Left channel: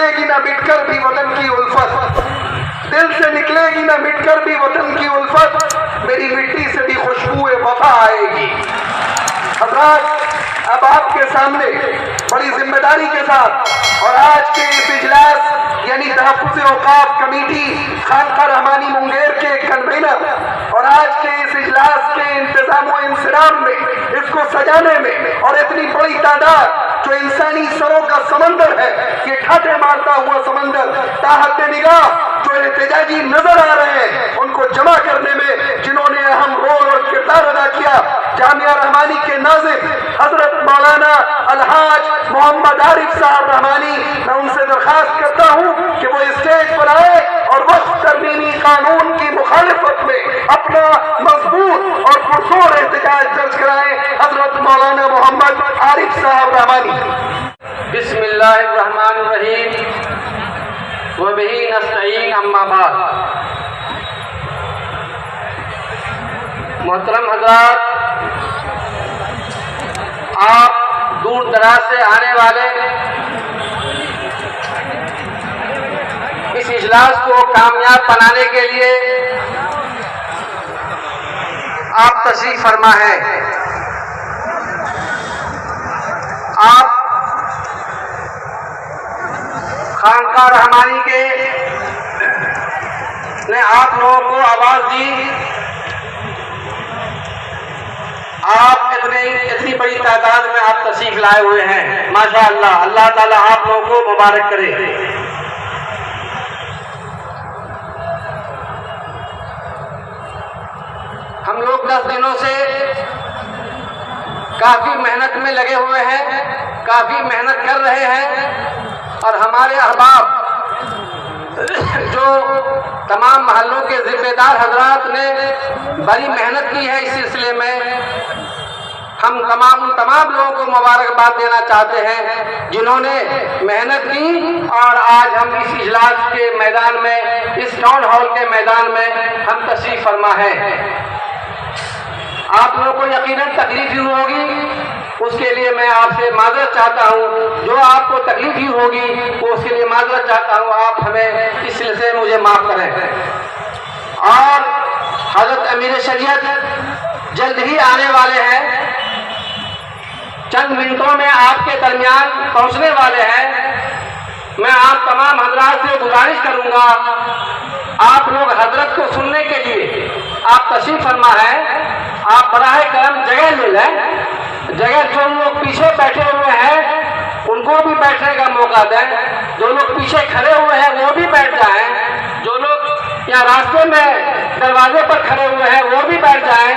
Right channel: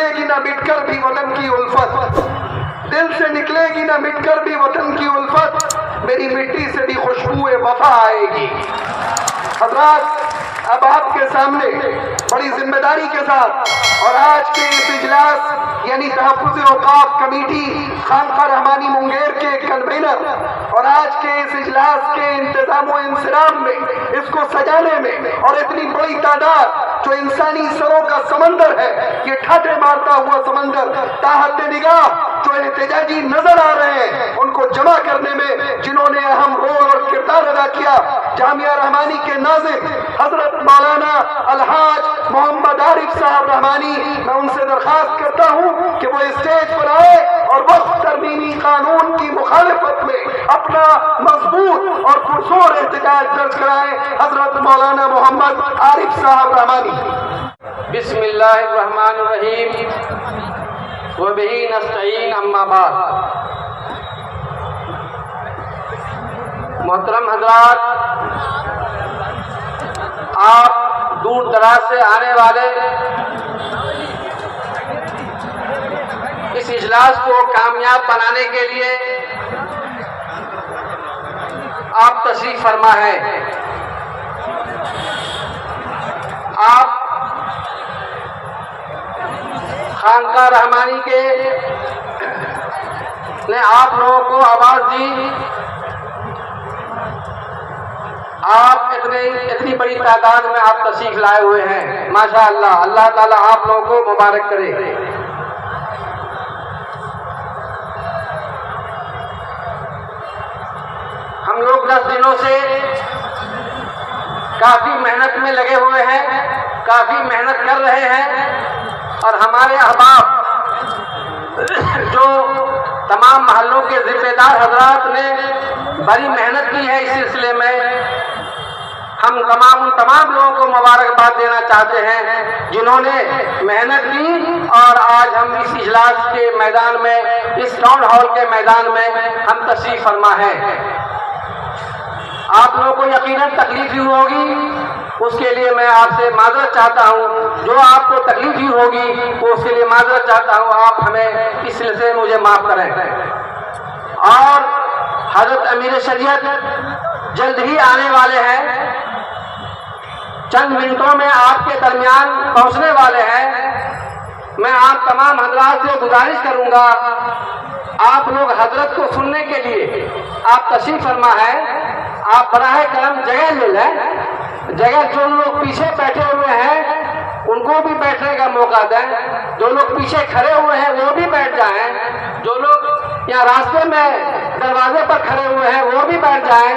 निकलेगी ना मिटकर भी वतन की उल्फत, दिल से निकलेगी ना मिटकर भी वतन की उल्फत, मेरी मिट्टी से भी खुशबू वफा आएगी। हज़रात, अब आपके सामने बड़ी जिम्मेदारी के साथ और आज के इस इजलास यानी तहफ़्फ़ुज़ औक़ाफ़ कमेटी खानक़ाह रहमानी मुंगेर के कन्वीनर और आज के इस इजलास के इंतज़ाम व इंसराम में, इसको सजाने में, और इतनी बड़ी तादाद जो इंसानी सरों का समंदर है, ये ठाटे मारता हुआ समंदर ताहत निगाह जो एहतजाजी नजर आ रहे हैं, उनको जमा करने में जिन्होंने अहम रोल और किरदार अदा किया, जामिया रहमानी के नाज़िम हजरत मौलाना अलहाज मोहम्मद आरिफ साहब रहमानी, मैं उनसे दरख्वास्त करता हूँ कि वो स्टेज पर आए और वक्फ तरमीमी कानून की मुखालिफत में अपना मजबूत और पुरजोर एहतजाज दर्ज कराएं। हजरत मौलाना मोहम्मद आरिफ साहब रहमानी। बिस्मिल्लाहिर्रहमानिर्रहीम व बिही नस्तईन, अम्मा बाद। मोहतरम हज़रात, आप दूर दराज से आने वाले इस इजलास को कामयाब बनाने के लिए आप तशरीफ फरमा है। आप खानक़ाह रहमानी के ने आप लोगों को आवाज़ दी, आप इतनी बड़ी तादाद में आप तशरीफ लाए हुए हैं, माशाअल्लाह। अल्लाह ताला आप लोगों को मुबारक करे। हम लोग 10 दिनों से काफ़ी मेहनत में लगे हुए हैं, काफ़ी मेहनत कर रहे हैं, और हमारे अहबाब जो तमाम महल्लों के जिम्मेदार हजरात ने बड़ी मेहनत की है इस सिलसिले में, हम उन तमाम लोगों को मुबारकबाद देना चाहते हैं जिन्होंने मेहनत की और आज हम इस इजलास के मैदान में, इस टाउन हॉल के मैदान में हम तशरीफ फरमा है। आप लोगों को यकीनन तकलीफ हुई होगी, उसके लिए मैं आपसे माजरत चाहता हूँ। जो आपको तकलीफ हुई होगी तो उसके लिए माजरत चाहता हूँ, आप हमें इस सिलसिले में मुझे माफ़ करें। और हज़रत अमीर शरीयत जल्द ही आने वाले हैं, चंद मिनटों में आपके दरमियान पहुँचने वाले हैं। मैं आप तमाम हजरात से गुजारिश करूँगा, आप लोग हजरत को सुनने के लिए आप तशरीफ फरमा है, आप बराह करम जगह ले लें। जगह जो लोग पीछे बैठे हुए हैं उनको भी बैठने का मौका दें, जो लोग पीछे खड़े हुए हैं वो भी बैठ जाएं, जो लोग यहाँ रास्ते में दरवाजे पर खड़े हुए हैं वो भी बैठ जाएं,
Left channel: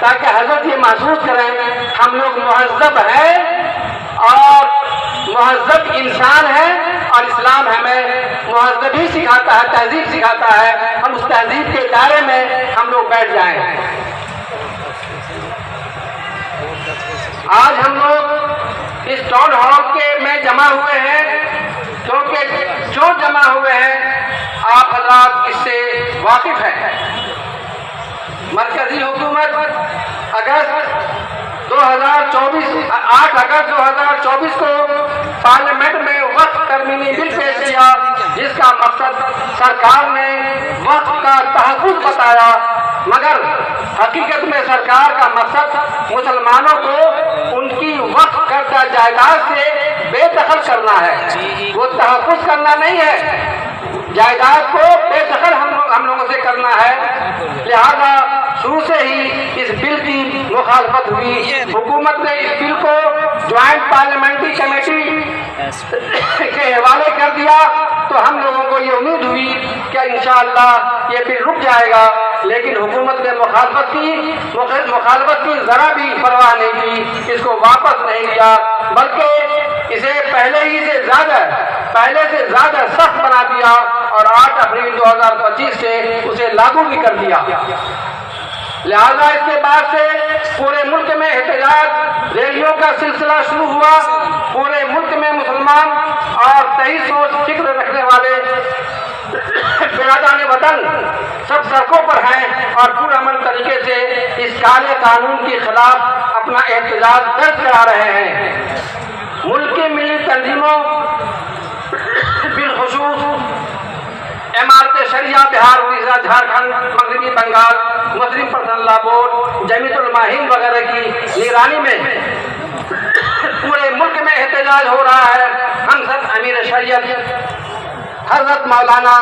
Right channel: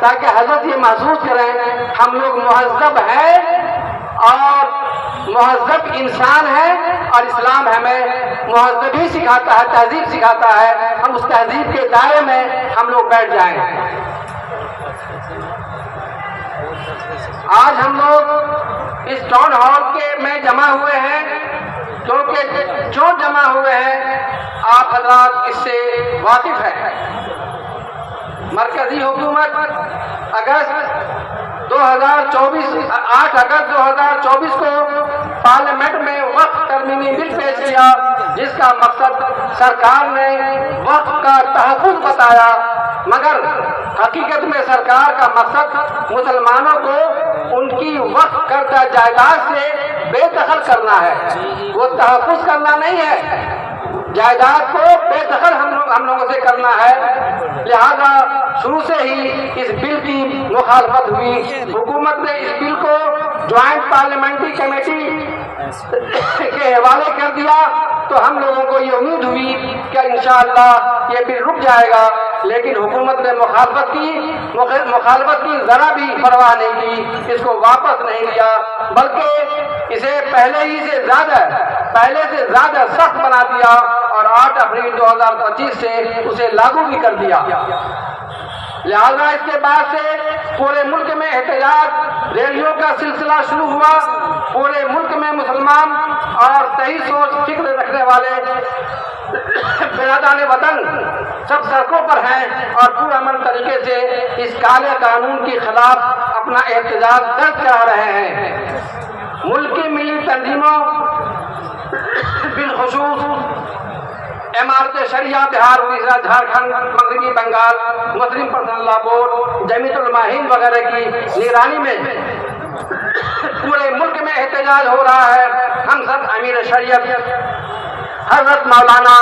ताकि हजरत ये महसूस करें हम लोग मुहज़्ज़ब हैं और मुहज़्ज़ब इंसान है, और इस्लाम हमें मुहज़्ज़बी सिखाता है, तहजीब सिखाता है। हम उस तहजीब के दायरे में हम लोग बैठ जाएं। आज हम लोग इस टाउन हॉल के में जमा हुए हैं क्योंकि जो जमा हुए हैं आप हज़रात इससे वाकिफ हैं। मरकजी हुकूमत 8 अगस्त 2024 को पार्लियामेंट में वक्फ तरमीमी बिल पेश किया, जिसका मकसद सरकार ने वक्फ का तहफ़्फ़ुज़ बताया, मगर हकीकत में सरकार का मकसद मुसलमानों को उनकी वक्फ करदा जायदाद से बेदखल करना है, वो तहफ़्फ़ुज़ करना नहीं है। जायदाद को बेदखल हम लोगों से करना है। लिहाजा शुरू से ही इस बिल की मुखालफत हुई। हुकूमत ने इस बिल को ज्वाइंट पार्लियामेंट्री कमेटी के हवाले कर दिया, तो हम लोगों को ये उम्मीद हुई कि इंशाअल्लाह ये बिल रुक जाएगा, लेकिन हुकूमत ने मुखालफत की ज़रा भी परवाह नहीं की, इसको वापस नहीं लिया, बल्कि इसे पहले से ज़्यादा सख्त बना दिया और 8 अप्रैल 2025 से उसे लागू भी कर दिया। लिहाजा इसके बाद से पूरे मुल्क में एहतजाज रैलियों का सिलसिला शुरू हुआ। पूरे मुल्क में मुसलमान और सही सोच फिक्र रखने वाले बिरादरान वतन सब सड़कों पर हैं और पुरअमन तरीके से इस काले कानून के खिलाफ अपना एहतजाज दर्ज करा रहे हैं। मुल्क की मिली तंजीमों बिलखुसूस इमारत शरिया बिहार, उड़ीसा, झारखंड, मगरबी बंगाल, मुस्लिम पर्सनल लॉ बोर्ड, जमीयतुल उलमा-ए-हिंद वगैरह की निगरानी में पूरे मुल्क में एहतजाज हो रहा है। हम सब अमीर शरीयत हजरत मौलाना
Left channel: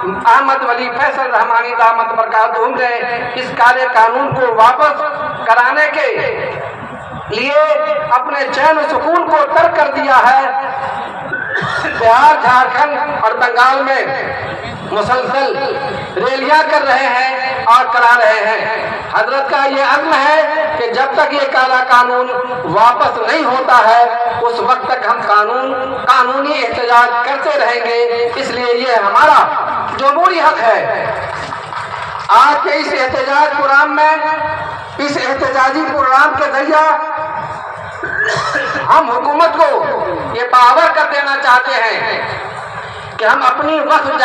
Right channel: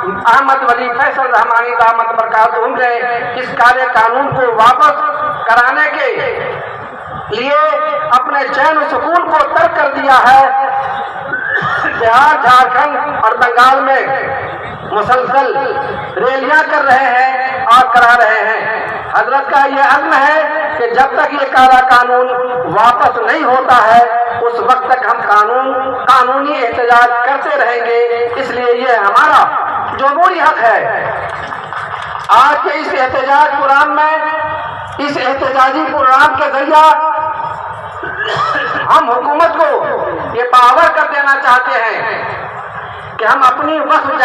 अहमद वली फैसल रहमानी दामत बरकातहू ने इस काले कानून को वापस कराने के लिए अपने चैन और सुकून को तर्क कर दिया है। बिहार, झारखंड और बंगाल में मुसलसल रैलियां कर रहे हैं और करा रहे हैं। हजरत का ये अज़्म है कि जब तक ये काला कानून वापस नहीं होता है उस वक्त तक हम कानूनी एहतजाज करते रहेंगे। इसलिए ये हमारा जमहूरी हक है। आज के इस एहतजाज प्रोग्राम में, इस एहतजाजी प्रोग्राम के जरिए हम हुकूमत को ये पावर कर देना चाहते हैं कि हम अपनी वक्फ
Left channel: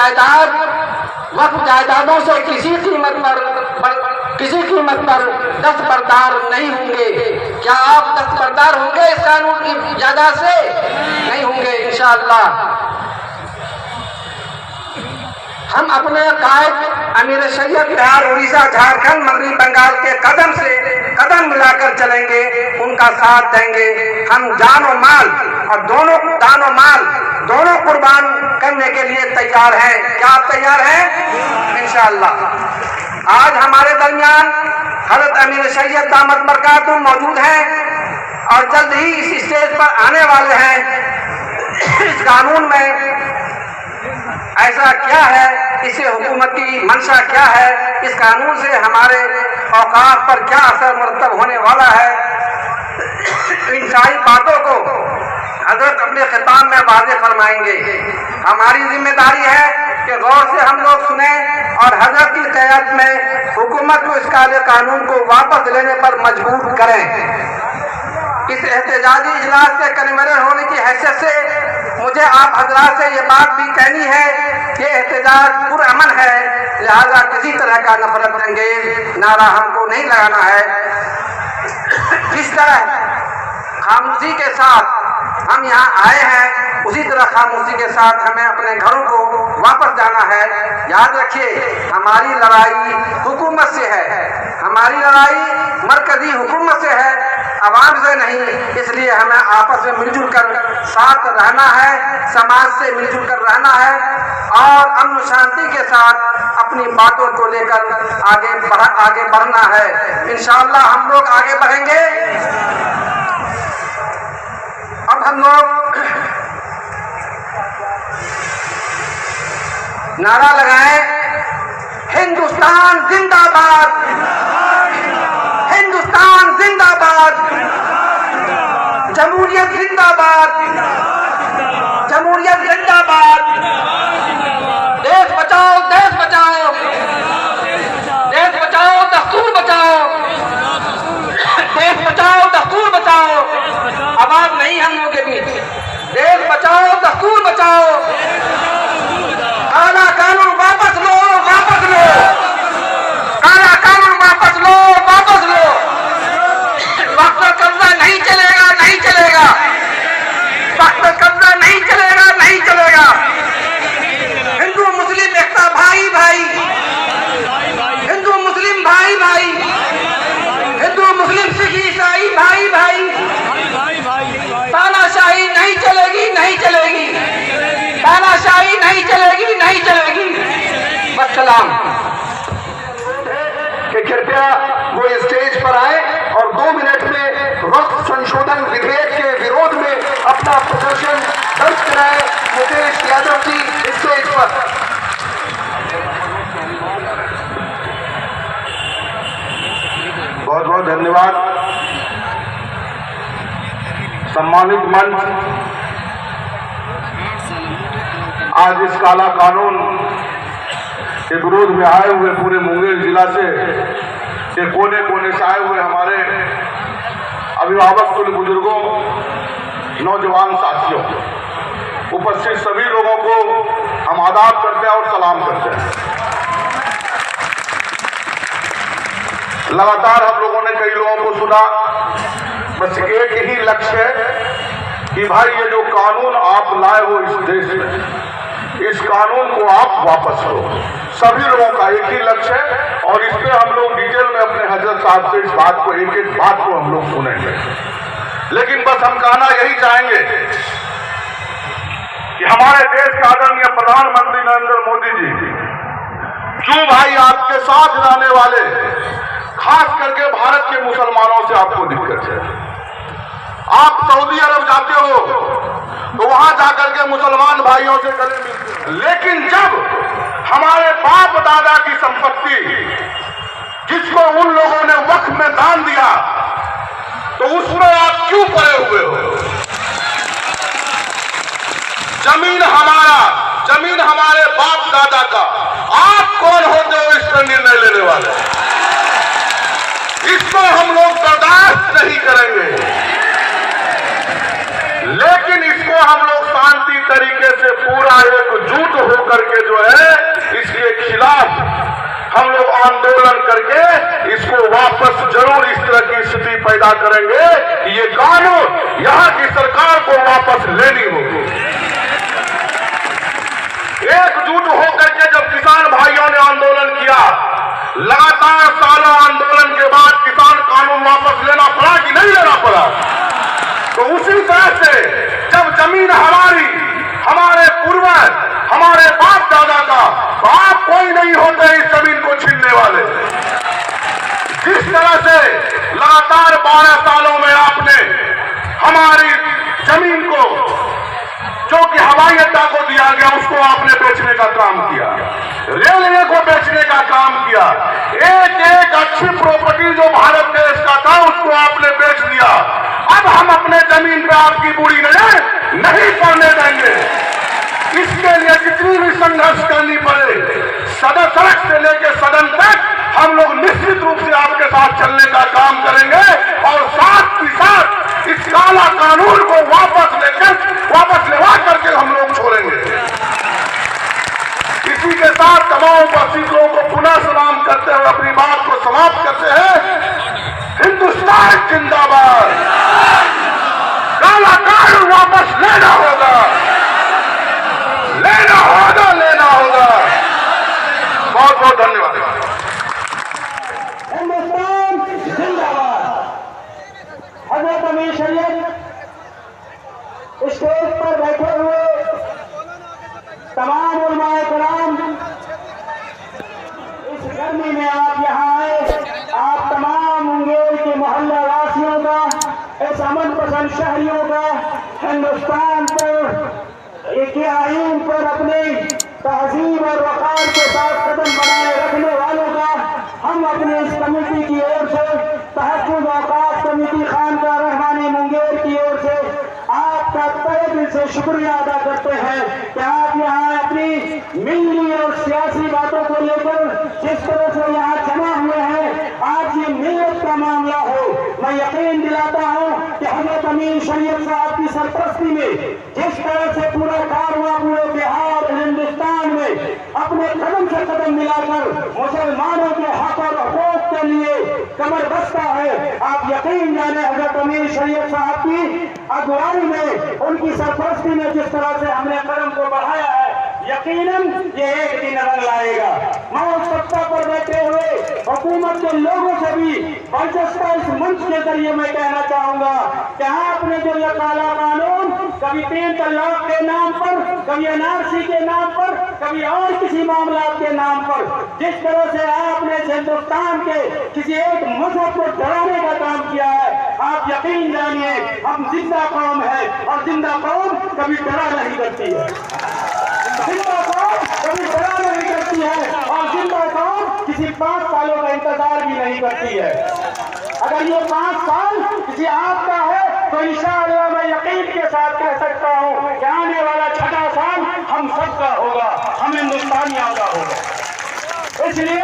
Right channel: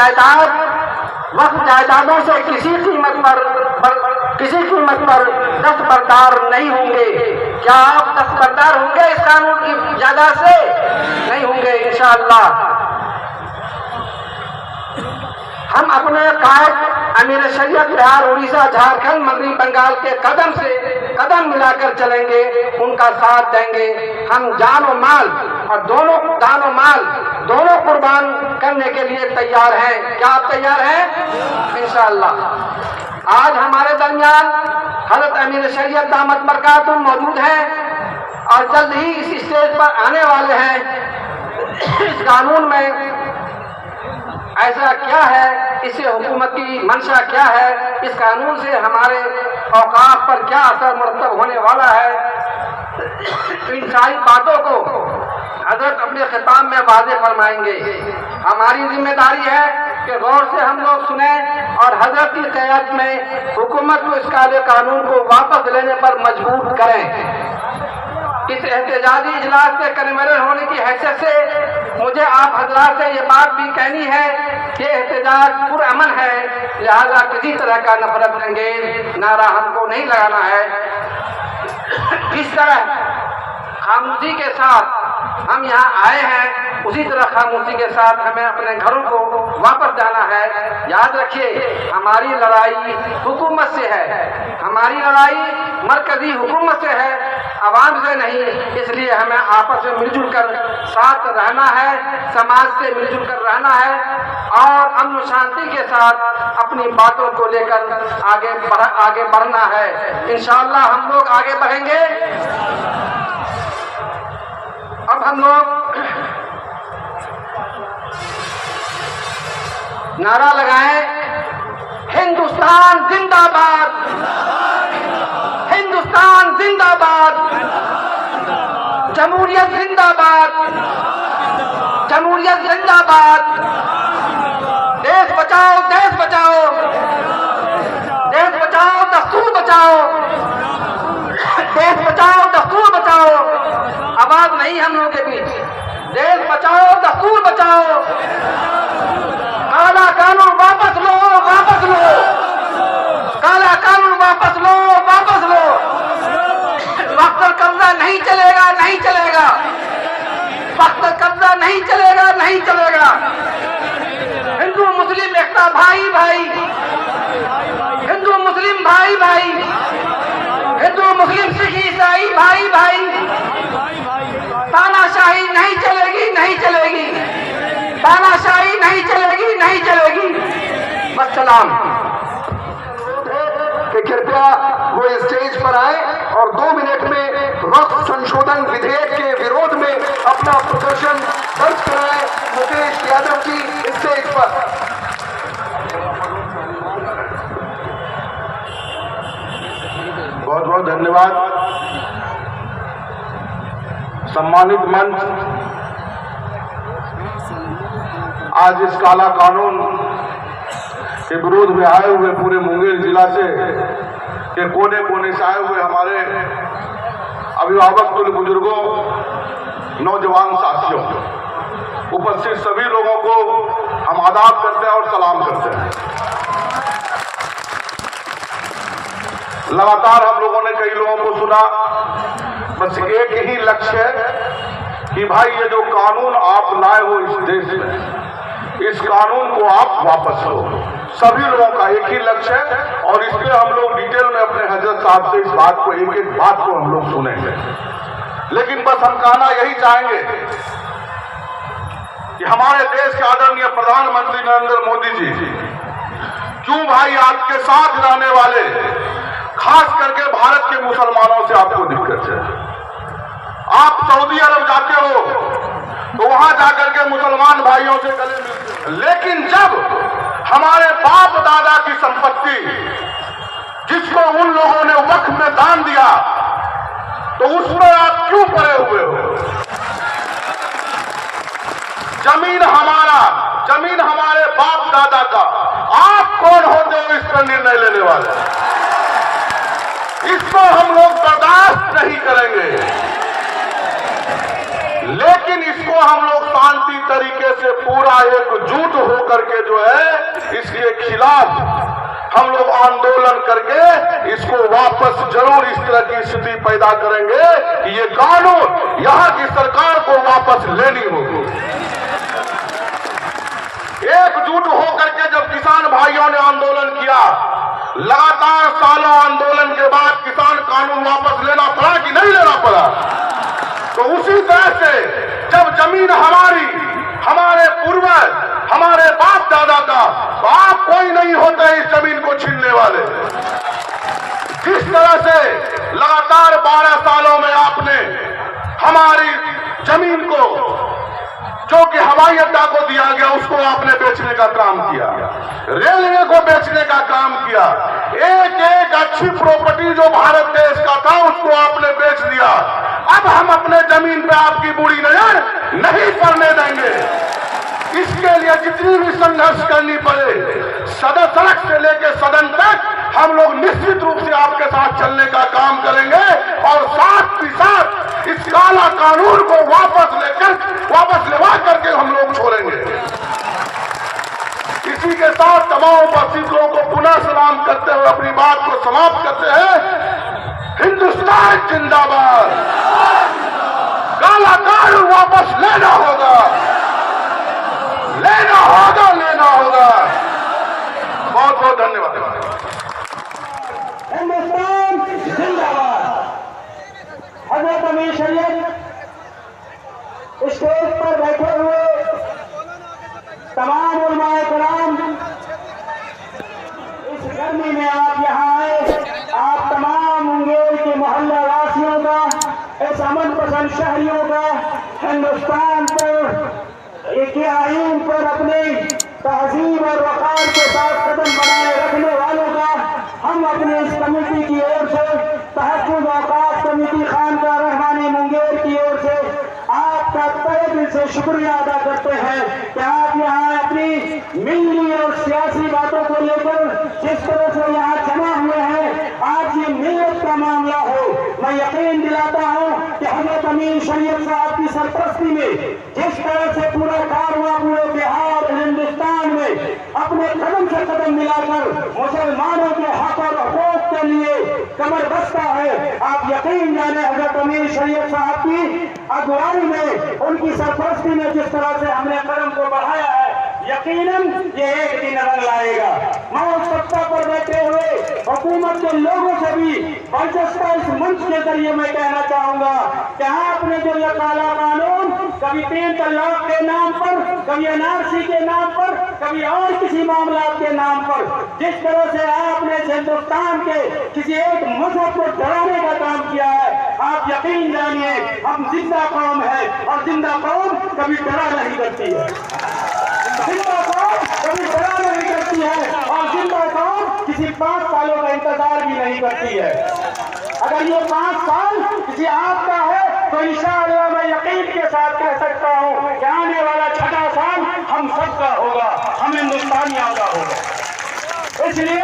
जायदादों से किसी कीमत पर दस्तबरदार नहीं होंगे। क्या आप दस्तबरदार होंगे इस कानून की जायदाद से? नहीं होंगे इंशाअल्लाह। हम अपने कायद अमीर शरीयत बिहार, उड़ीसा, झारखंड, मगरबी बंगाल के कदम से कदम मिलाकर चलेंगे, उनका साथ देंगे। हम जान और माल दोनों कुर्बान करने के लिए तैयार हैं। क्या आप तैयार हैं? इंशाअल्लाह। आज हमारे दरमियान हजरत अमीर शरीयत दामत बरकातहू मौजूद हैं और जल्द ही इस स्टेज पर आने वाले हैं। इस कानून में ऐसा क्या है, इससे हुकूमत की मंशा क्या है, इस कानून से हमारे औकात पर क्या असर मुरतब होने वाला है, इन सारी बातों को हजरत अपने खिताब में वाज़ेह फरमाएंगे। हमारी जिम्मेदारी है कि गौर से हम लोग सुने और हजरत की क़यादत में हुकूमत को इस काले कानून को वापस लेने पर मजबूर करें। इस एहतजाजी इजलास के कन्वीनर होने की हैसियत से मुझे आप हजरात से ये बात भी कहनी है कि एहतजाज पुरअमन है, लिहाजा किसी तरह का नफरत अंगेज नारा हमको नहीं लगाना है। जिस तरह खामोशी के साथ हम यहाँ आए हैं उसी तरह खामोशी के साथ हमें अपने घरों को वापस जाना है। याद रखिए, हमारी लड़ाई हुकूमत से है, हमारी लड़ाई मरकजी हुकूमत से है, आवाम से नहीं। इसलिए हमें आपस में मिलजुल कर साथ रहना है, समाज से मिलजुल कर रहना है और अमन शांति के साथ अपनी बातों को लेकर आगे बढ़ना है। इंशाअल्लाह हम लोग आगे बढ़ेंगे। अब हम लोग नारा लगाएं, हिंदुस्तान जिंदाबाद, हिंदुस्तान जिंदाबाद, जमहूरियत जिंदाबाद, जमहूरियत जिंदाबाद, देश बचाओ, देश बचाओ, देश बचाओ, दस्तूर बचाओ, देश बचाओ, दस्तूर बचाओ। आवाज नहीं हम लोगों के बीच। देश बचाओ, दस्तूर बचाओ, काला कानून वापस लो, वापस लो, काला कानून वापस लो, वापस लो। वक्त कब्जा नहीं चलेगा, नहीं चलेगा, वक्त कब्जा नहीं चलेगा, नहीं चलेगा। हिंदू मुस्लिम एकता, भाई भाई, हिंदू मुस्लिम भाई भाई, हिंदू मुस्लिम सिख ईसाई भाई भाई। तानाशाही नहीं चलेगी, नहीं चलेगी, तानाशाही नहीं चलेगी, नहीं चलेगी। वस्सलाम। कि कृपया वो स्टेज पर आए और 2 मिनट में वक्फ संशोधन विधेयक के विरोध में अपना प्रदर्शन दर्ज कराए। मुकेश यादव जी स्टेज पर। बहुत बहुत धन्यवाद। सम्मानित मंच, आज इस काला कानून के विरोध में आए हुए पूरे मुंगेर जिला से के कोने कोने से आए हुए हमारे अभिभावक, कुल बुजुर्गों, नौजवान साथियों, उपस्थित सभी लोगों को हम आदाब करते हैं और सलाम करते हैं। लगातार हम लोगों ने कई लोगों को सुना, बस एक ही लक्ष्य है कि भाई ये जो कानून आप लाए हो इस देश में, इस कानून को आप वापस लो। सभी लोगों का एक ही लक्ष्य है और इस पे हम लोग डिटेल में अपने हजरत साहब से इस बात को एक एक बात को हम लोग सुनेंगे। लेकिन बस हम कहना यही चाहेंगे कि हमारे देश के आदरणीय प्रधानमंत्री नरेंद्र मोदी जी, क्यों भाई आपके साथ रहने वाले खास करके भारत के मुसलमानों से आपको दिक्कत है? आप सऊदी अरब जाते हो तो वहां जाकर के मुसलमान भाइयों से गले मिलते हो, लेकिन जब हमारे बाप दादा की संपत्ति जिसको उन लोगों ने वक्फ में दान दिया तो उसमें आप क्यों पड़े हुए हो? जमीन हमारा, जमीन हमारे बाप दादा का, आप कौन होते हो इस पर निर्णय लेने वाले? इसको हम लोग बर्दाश्त नहीं करेंगे। लेकिन इसको हम लोग शांति तरीके से पूरा एकजुट होकर के जो है इसके खिलाफ हम लोग आंदोलन करके इसको वापस जरूर इस तरह की स्थिति पैदा करेंगे कि ये कानून यहाँ की सरकार को वापस लेनी होगी। एकजुट होकर के जब किसान भाइयों ने आंदोलन किया, लगातार सालों आंदोलन के बाद किसान कानून वापस लेना पड़ा कि नहीं लेना पड़ा? तो उसी तरह से जब जमीन हमारी, हमारे पूर्वज, हमारे बाप दादा का, तो आप कोई नहीं होते इस जमीन को छीनने वाले। जिस तरह से लगातार 12 सालों में आपने हमारी जमीन को, जो कि हवाई अड्डा को दिया गया, उसको आपने बेचने का काम किया, रेलवे को बेचने का काम किया, एक एक अच्छी प्रॉपर्टी जो भारत देश का था उसको आपने बेच दिया। अब हम अपने जमीन पे आपकी बुरी नजर नहीं पड़ने देंगे। इसके लिए जितनी भी संघर्ष करनी पड़े, सड़क से लेकर सदन तक हम लोग निश्चित रूप से आपके साथ चलने का काम करेंगे और साथ ही साथ इस काला कानून को वापस लेवा करके हम लोग छोड़ेंगे। इसी के साथ तमाम उपस्थित लोगों को पुनः सलाम करते हुए अपनी बात को समाप्त करते हैं। हिंदुस्तान जिंदाबाद। काला कानून वापस लेना होगा, लेना होगा, लेना होगा। बहुत बहुत धन्यवाद। हिंदुस्तान जिंदाबाद। हजरत अमीर शरीयत स्टेज पर बैठे हुए तमाम उलमाए कराम, इस गर्मी में आप यहाँ आए, आप तमाम मुंगेर के मोहल्ला वासियों का, इस अमन पसंद शहरियों का, हिंदुस्तान पर एक आइन पर अपने तहजीब और वकार के साथ कदम बनाए रखने वालों का हम अपने इस कमेटी की ओर से, तहफ़्फ़ुज़ औक़ाफ़ कमेटी खानकाह रहमानी मुंगेर की ओर से आपका तहे दिल से शुक्रिया अदा करते हैं कि आप यहाँ अपनी मिली और सियासी बातों को लेकर जिस तरह से यहाँ जमा हुए हैं, आज ये मिल्लत का मामला हो। मैं यकीन दिलाता हूँ कि हज़रत अमीर शरीयत साहब की सरपरस्ती में जिस तरह से पूरा कारवां पूरे बिहार हिंदुस्तान में अपने कदम से कदम मिलाकर मुसलमानों के हक और हुकूक के लिए कमर बस्ता है, आप यकीन जाने हज़रत अमीर शरीयत साहब की अगुवाई में, उनकी सरपरस्ती में जिस तरह से हमने कदम को बढ़ाया है, यकीनन ये एक दिन रंग लाएगा। मैं उस सत्ता पर बैठे हुए हुकूमत के लोगों से भी बर्जस्ता इस मंच के जरिए मैं कहना चाहूंगा कि आपने जो ये काला कानून कभी 3 तलाक के नाम पर, कभी एनआरसी के नाम पर, कभी और किसी मामला के नाम पर, जिस तरह से आपने हिंदुस्तान के किसी एक मजहब को डराने का काम किया है, आप यकीन जानिए हम जिंदा कौम है और जिंदा कौम कभी डरा नहीं करती है। जिंदा कौम कभी डरा नहीं करती है और जिंदा कौम किसी 5 सालों का इंतजार भी नहीं करती है। अगर ये 5 साल किसी आपका है तो इंशाअल्लाह मैं यकीन के साथ कह सकता हूँ कि आने वाला 6वां साल हम सबका होगा, हम हिंदुस्तानियों का होगा। इसलिए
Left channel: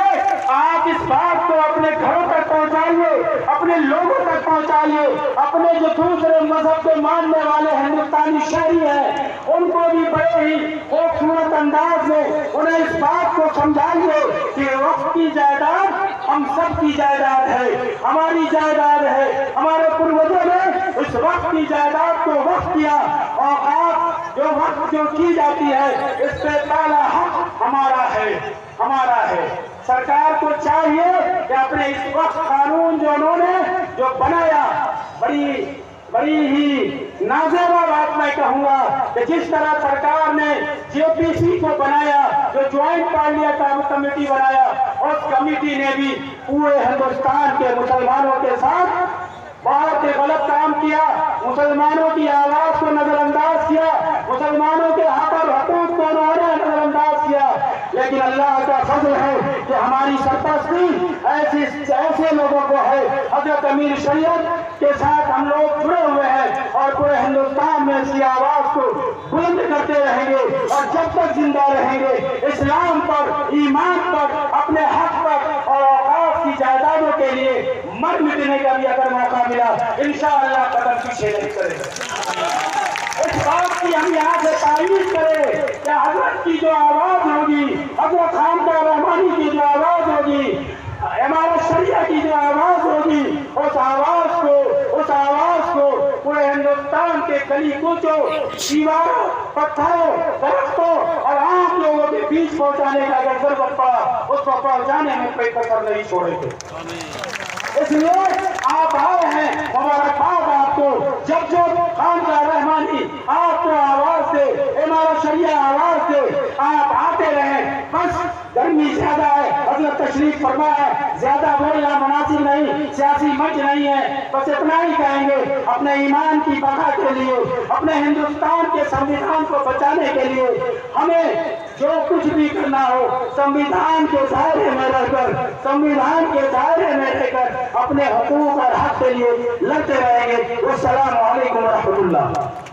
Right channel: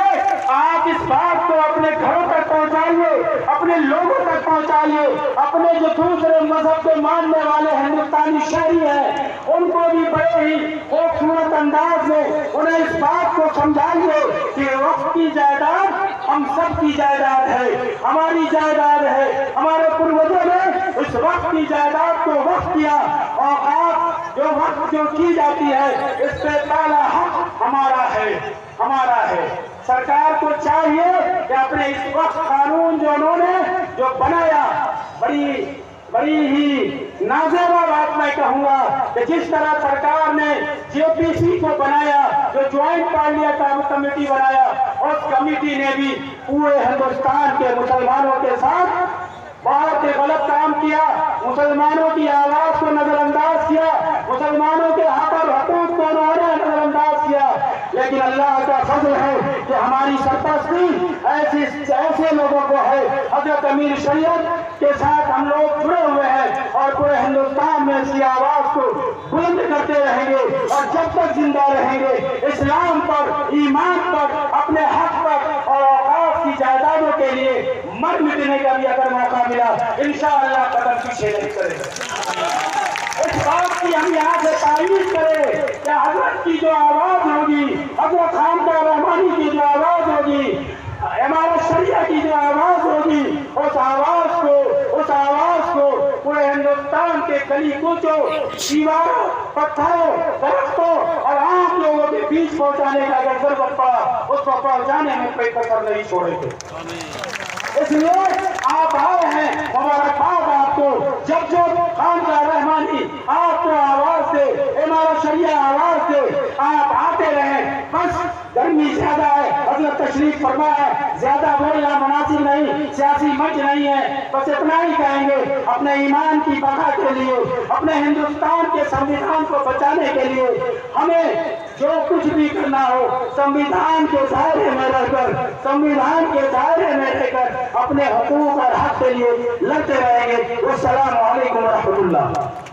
आप इस बात को अपने घरों तक पहुंचाइए, अपने लोगों तक पहुंचाइए, अपने जो दूसरे मजहब के मानने वाले हिंदुस्तानी शहरी हैं उनको भी बड़े ही खूबसूरत अंदाज में उन्हें इस बात को समझाइए कि वक्त की जायदाद हम सब की जायदाद है, हमारी जायदाद है। हमारे पूर्वजों ने इस वक्त की जायदाद को वक्त किया और आप जो वक्त जो की जाती है, इस पे पहला हक हमारा है। सरकार को चाहिए कि अपने इस वक्त कानून जो उन्होंने जो बनाया, बड़ी ही नाज़ेबा बात मैं कहूँगा कि जिस तरह सरकार ने जेपीसी को बनाया, जो ज्वाइंट पार्लियामेंट्री कमेटी बनाया, उस कमेटी ने भी पूरे हिंदुस्तान के मुसलमानों के साथ बहुत ही गलत काम किया। मुसलमानों की आवाज को नजरअंदाज किया, मुसलमानों के हक और हुकूक को उन्होंने नजरअंदाज किया। लेकिन अल्लाह का फजल है कि हमारी सरपरस्ती ऐसे लोगों को है। हजरत अमीर शरीयत के साथ हम लोग जुड़े हुए हैं और पूरे हिंदुस्तान में इसकी आवाज को बुलंद करते रहेंगे और जब तक जिंदा रहेंगे इस्लाम पर, ईमान पर, अपने हक पर और औकात की जायदादों के लिए मर मिटने का भी अगर मौका मिला, इंशाअल्लाह कदम पीछे नहीं करेंगे। इस बात की हम यहाँ से तारीफ करें कि हजरत की जो आवाज होगी, हजरत खानकाह रहमानी की जो आवाज होगी, इमारत शरिया की जो आवाज होगी, उस आवाज को पूरे हिंदुस्तान के गली कूचों, दीवारों, पत्थरों, दरख्तों और आम लोगों के बीच पहुंचाने का अगर जरूरत पड़ा, उसको पहुंचाने में कोई कसर नहीं छोड़ेंगे। इसलिए आप आए हैं, मुबारकबाद आपको। जब खानकाह रहमानी आपको आवाज दे, इमारत शरिया आवाज दे, आप आते रहे। बस गर्मी ज्यादा है, हजरत तशरीफ फरमा है, ज्यादा बोलना मुनासिब नहीं, सियासी मंच नहीं है। बस इतना ही कहेंगे, अपने ईमान की बका के लिए, अपने हिंदुस्तान के संविधान को बचाने के लिए हमें जो कुछ भी करना हो, संविधान के दायरे में रहकर, संविधान के दायरे में रहकर अपने हुकूक और हक के लिए लड़ते रहेंगे। अस्सलामु अलैकुम व रहमतुल्लाह।